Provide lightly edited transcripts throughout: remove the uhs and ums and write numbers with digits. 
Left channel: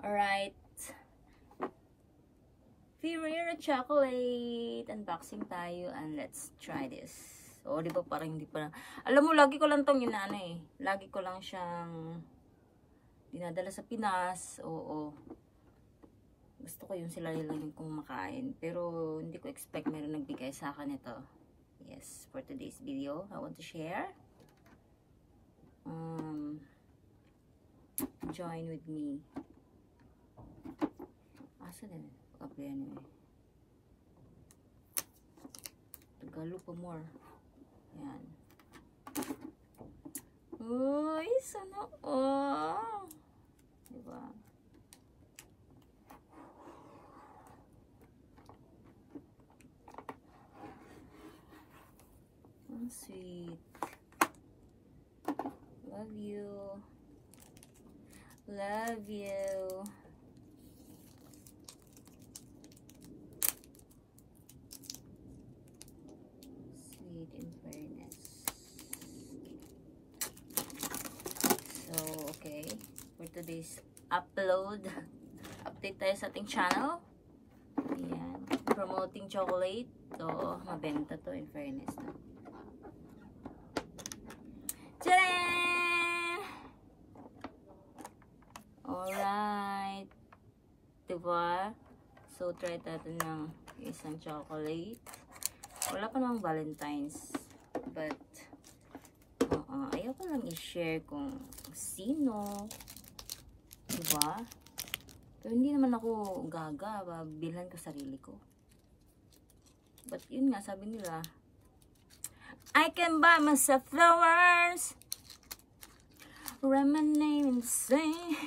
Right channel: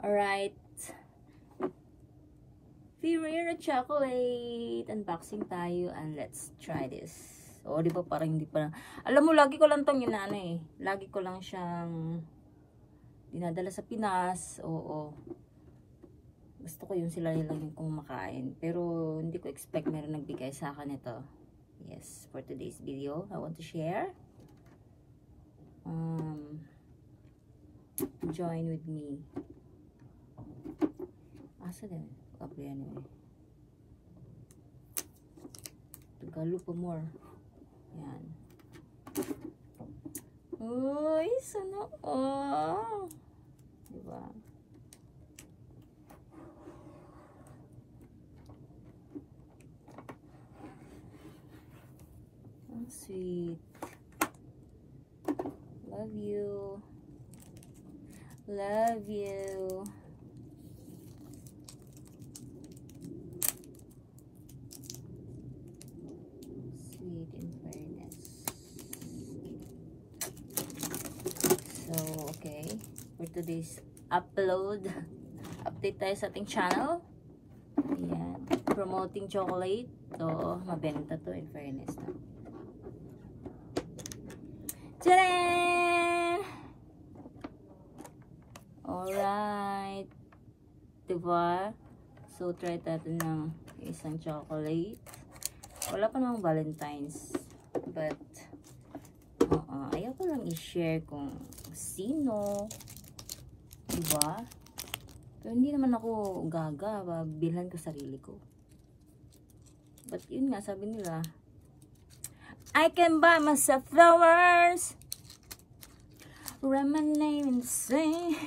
Alright. Ferrero chocolate. Unboxing tayo and let's try this. O, di ba parang hindi pa. Alam mo, lagi ko lang tong inaano eh. Lagi ko lang siyang dinadala sa Pinas. Oo. Gusto ko yun sila lang yung kumakain. Pero hindi ko expect meron nagbigay sa akin ito. Yes, for today's video, I want to share. Join with me. Asa din? Okay, anyway. Tagalo pa more. Yan. Uy, sana. Oh. Diba? Oh, sweet. Love you. Love you. Sweet in fairness. So, okay. For today's upload, update tayo sa ating channel. Ayan. Promoting chocolate. So, mabenta to in fairness. Tadaan! Alright. Diba? So, try natin ng isang chocolate. Wala pa namang Valentine's. But, ayaw ko lang i-share kung sino. Diba? Pero hindi naman ako gaga. Bilhan ko sarili ko. But, yun nga, sabi nila, I can buy myself flowers. Write my name and sing.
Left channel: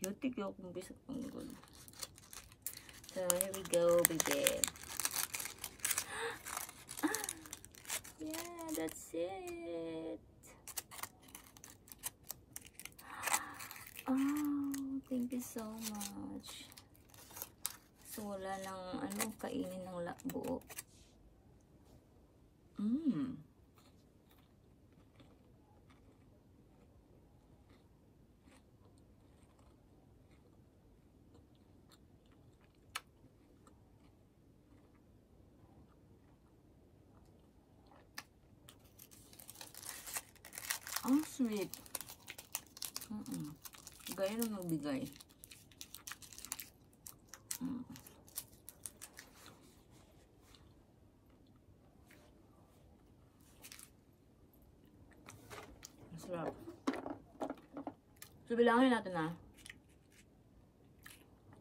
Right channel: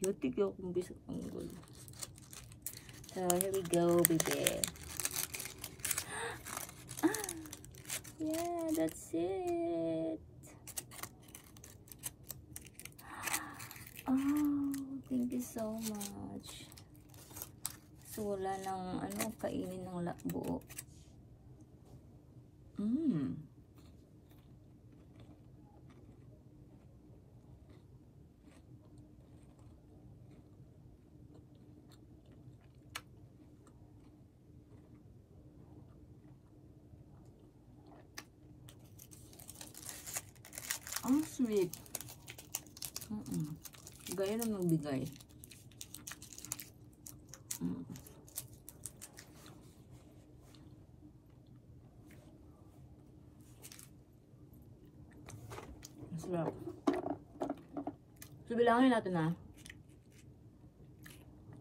Yutik ako kung bisa kong gulo. So, here we go, baby. Yeah, that's it. Oh, thank you so much. So, wala nang kainin ng buo. Ang sweet. Gaya lang nagbigay. Masarap. So, bilangin natin na.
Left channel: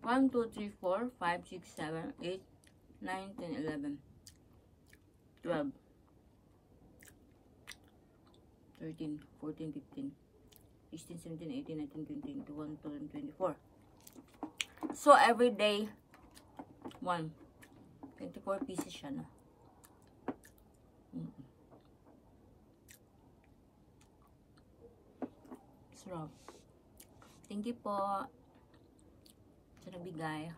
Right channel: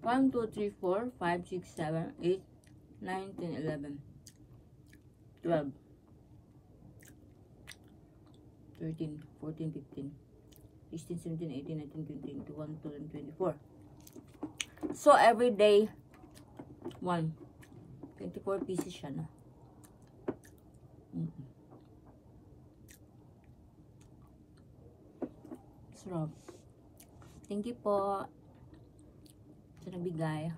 1, 2, 3, 4, 5, 6, 7, 8, 9, 10, 11, 12, 13, 14, 15, 16, 17, 18, 19, 20, 21, 22, 24. So, every day, 1. 24 pieces siya, no? Sarap. Thank you po sa nabigay.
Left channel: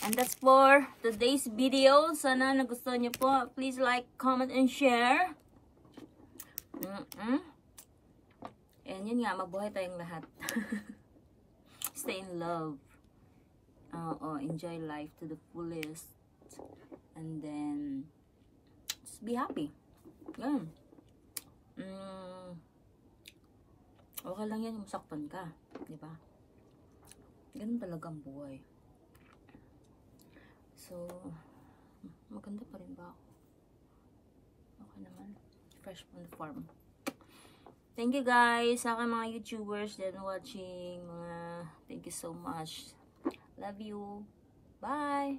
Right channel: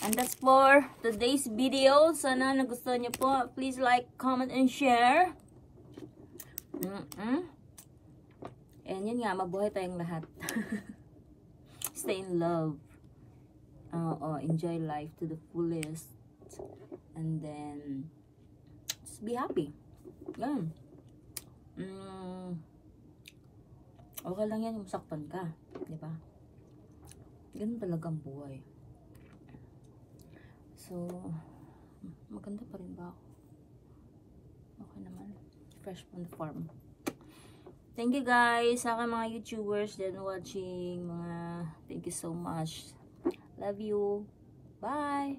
And that's for today's video. Sana nagustuhan niyo po. Please like, comment, and share. And yun nga, mabuhay tayong lahat. Stay in love. Enjoy life to the fullest. And then, just be happy. Yan. Okay lang yan yung masaktan ka. Diba? Ganun talaga ang buhay. So, maganda pa rin ba ako? Okay naman. Fresh from the farm. Thank you guys sa aking mga YouTubers that are watching. Thank you so much. Love you. Bye.